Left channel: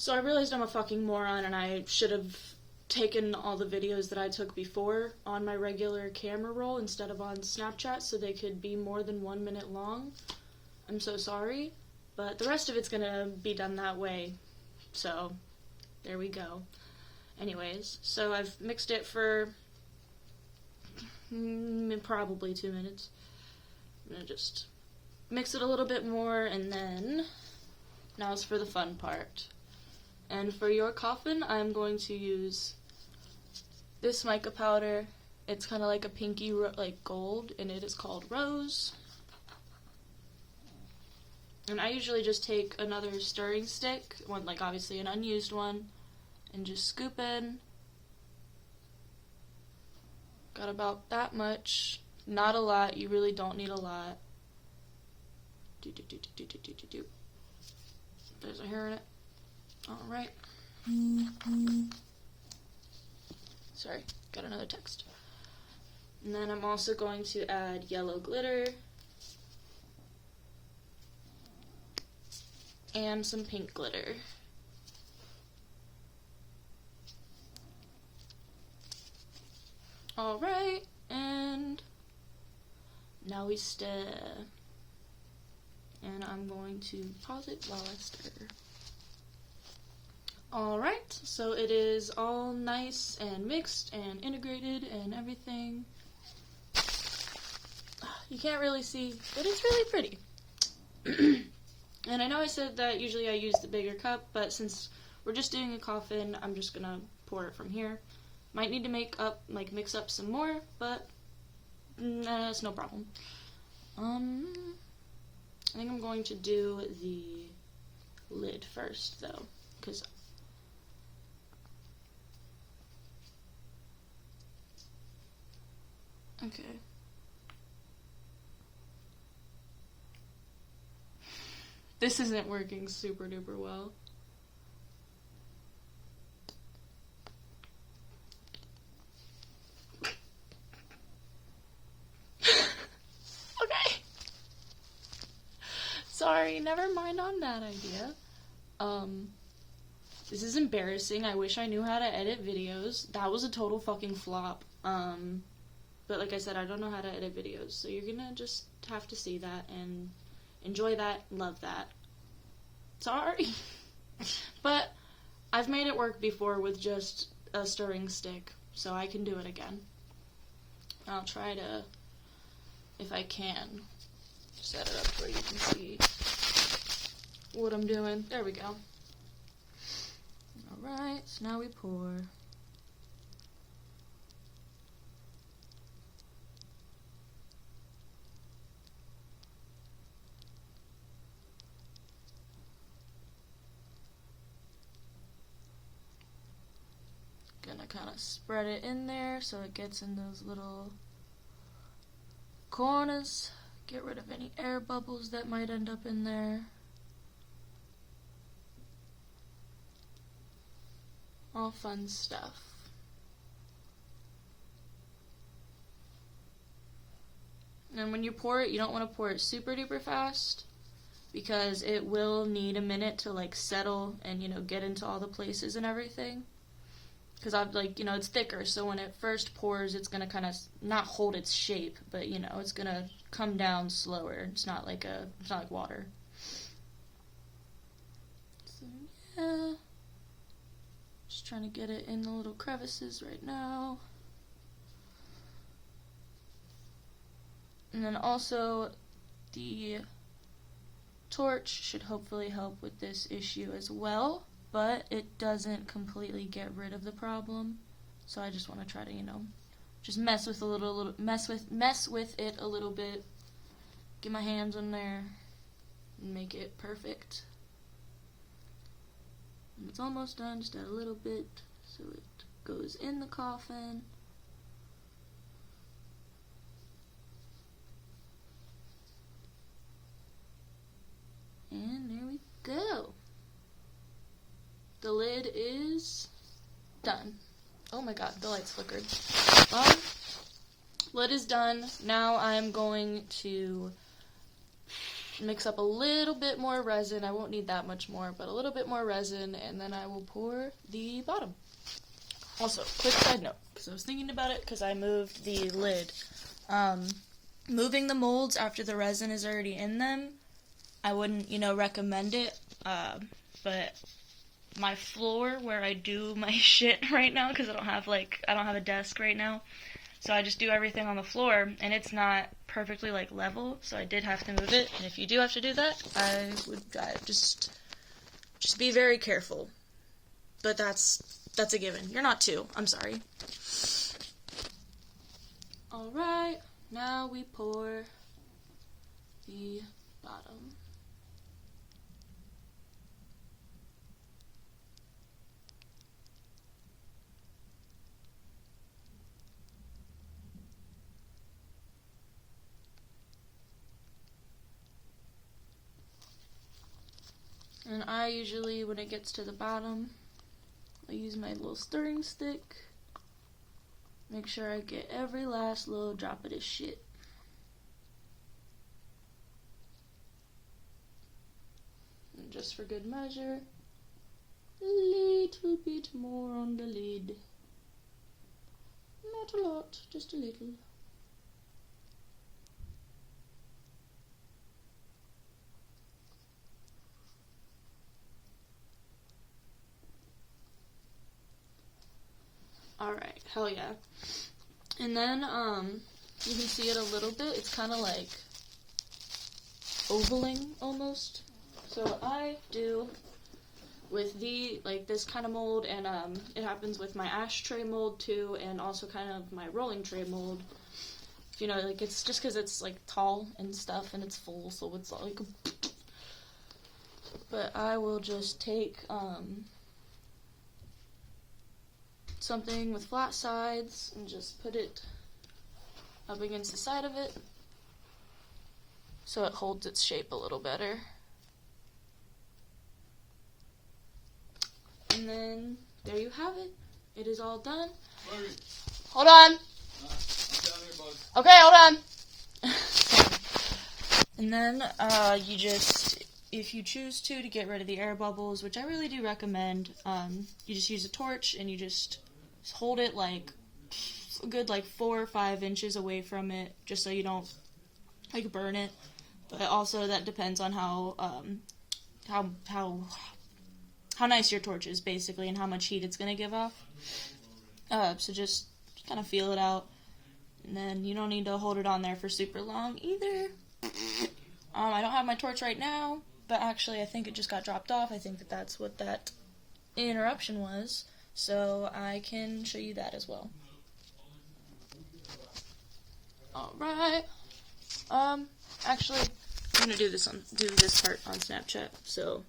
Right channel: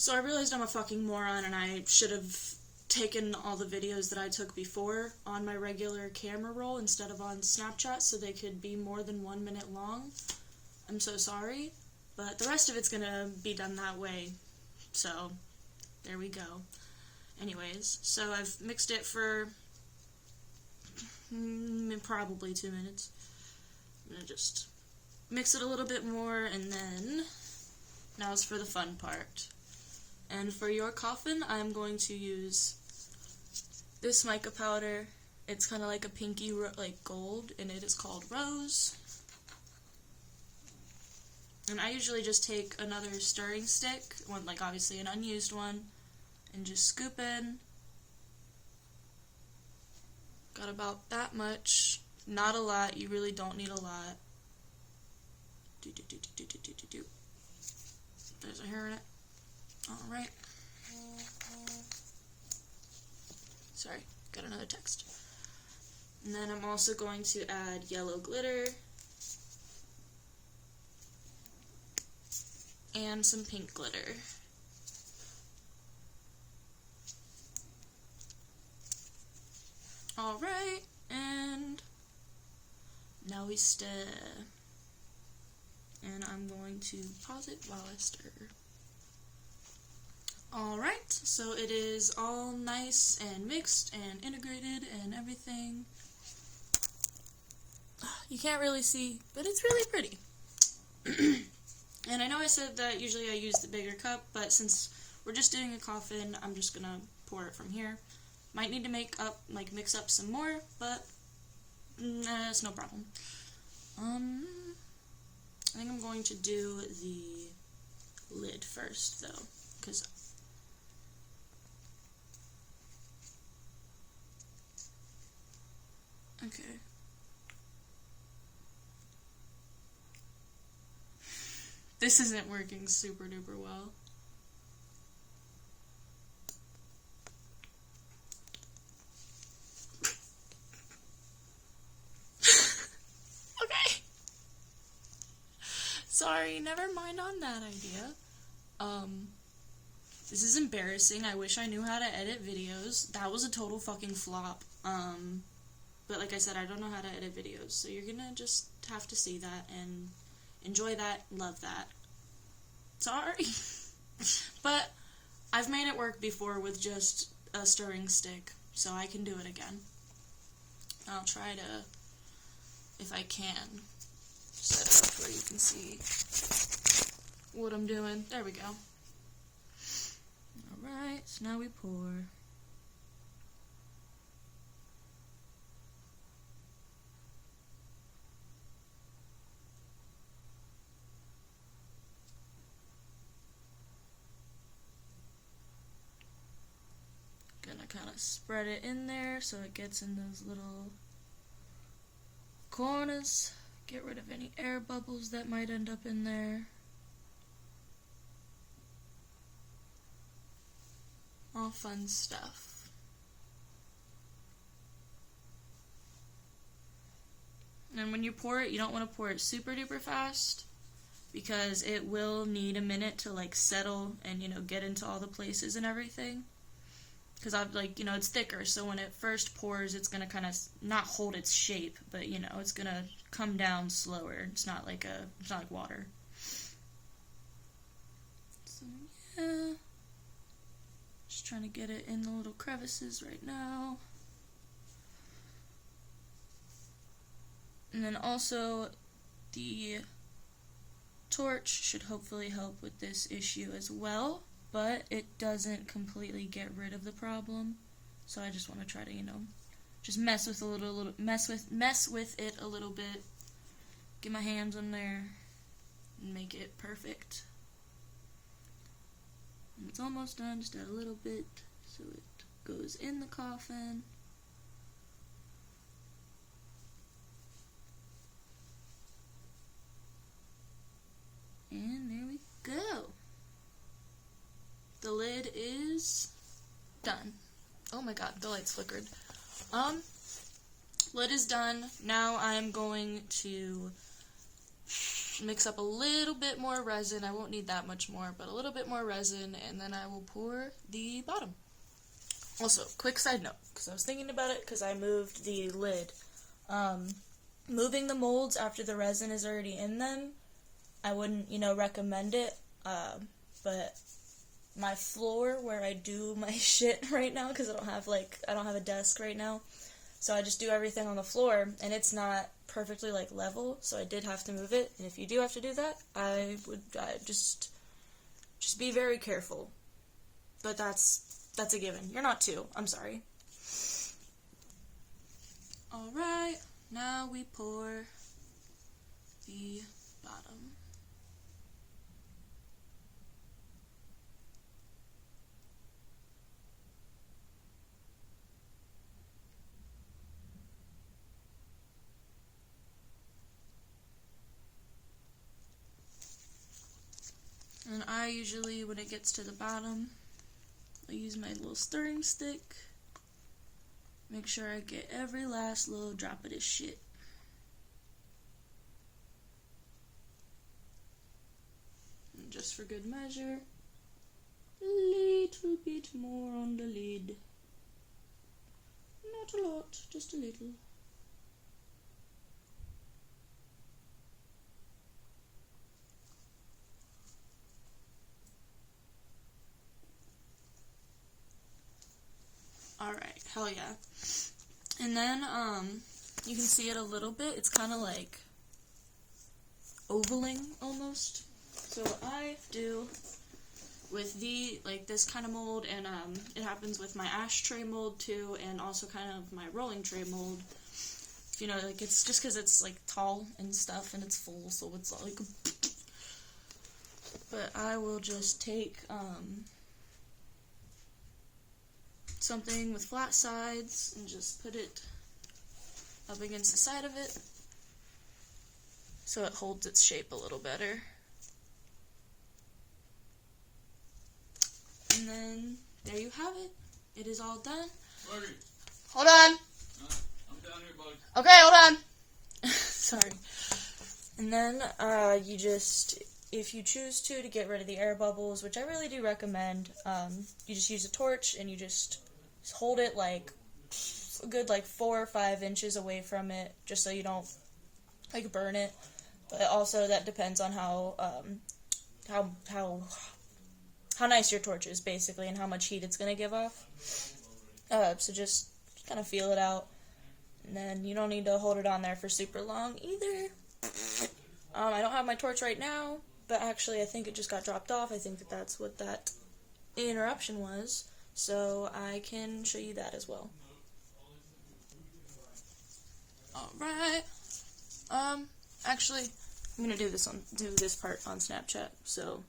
So I realized I'm a fucking moron and I should have taken all the videos that I took before on my regular camera roll instead of on Snapchat so they could be more than 1 minute long. I'm so sorry, but the rest of it's gonna be done that way. So, there we go. Anyways, so I've mixed it for probably 2 minutes. I'm gonna just mix it a little bit more, and then now it's for the fun part. And for your coffin, I'm going to use this mica powder. It's kind of like a pinky, like gold, and it is called Rose. And I usually just take another stirring stick, one like obviously an unused one, and just scoop in. Got about that much. Not a lot. You really don't need a lot. There's a hair in it. Alright. Sorry, got another text. And then I'm also going to add yellow glitter. And some pink glitter. Alright, and now we stir. And I'm going to pause it while I stir. Alright, so it is all nice and mixed and integrated and everything. You can't really see, but it's really pretty. And I know I said that usually I use the bigger cup, but since we're just doing a coffin, I'm just gonna pour it from here. Might need to mix up some more, but it's no problem. I think I'm going to do the lid first, though, because okay. This isn't working super duper well. Okay. Sorry, never mind on that idea. This is embarrassing. I wish I knew how to edit videos. That was a total fucking flop. But like I said, I don't know how to edit videos, so you're gonna just have to see that and enjoy that, love that. Sorry. But I've made it work before with just a stirring stick, so I can do it again. I'll try to, if I can, set it up here you can see what I'm doing. There we go. Alright, so now we pour. Gonna kind of spread it in there so it gets in those little corners. Get rid of any air bubbles that might end up in there. All fun stuff. And when you pour it, you don't want to pour it super duper fast, because it will need a minute to like settle and, you know, get into all the places and everything. Because I've it's thicker, so when it first pours, it's going to kind of not hold its shape, but, you know, it's going to come down slower. It's not like water. So, yeah. Just trying to get it in the little crevices right now. And then also, the torch should hopefully help with this issue as well. But it doesn't completely get rid of the problem, so I just want to try to, just mess with it a little bit, get my hands in there, and make it perfect. And it's almost done, just add a little bit so it goes in the coffin. And there we go. The lid is done. Oh my god, the light's flickered. Lid is done. Now I'm going to mix up a little bit more resin. I won't need that much more, but a little bit more resin, and then I will pour the bottom. Also, quick side note, because I was thinking about it, because I moved the lid. Moving the molds after the resin is already in them, I wouldn't, recommend it, but my floor where I do my shit right now, because I don't have a desk right now, so I just do everything on the floor, and it's not perfectly, level, so I did have to move it, and if you do have to do that, I would just be very careful, but that's a given. You're not two. I'm sorry. Alright, now we pour the bottom. And I usually, when it gets to the bottom, I use my little stirring stick. Make sure I get every last little drop of this shit. And just for good measure, a little bit more on the lid. Not a lot, just a little. Alright, hell yeah. And then, you can see it a little bit. It's kind of like ovaling almost. So what I do with this kind of mold, and it happens with my ashtray mold too, and also kind of my rolling tray mold. It's just because it's tall and stuff, and it's full, so it's but I will just take, something with flat sides and just put it up against the side of it so it holds its shape a little better. And then there you have it. It is all done. Hold on. Okay, hold on. Sorry. And then you just, if you choose to get rid of the air bubbles, which I really do recommend, you just use a torch and you just hold it a good 4 or 5 inches away from it, just so you don't burn it. But also that depends on how nice your torch is, basically, and how much heat it's gonna give off. So just kind of feel it out, and then you don't need to hold it on there for super long either. I don't have my torch right now, but actually I think it just got dropped off. I think that's what that interruption was. So I can show you that as well. Alright. Actually, I'm gonna do this part on Snapchat, so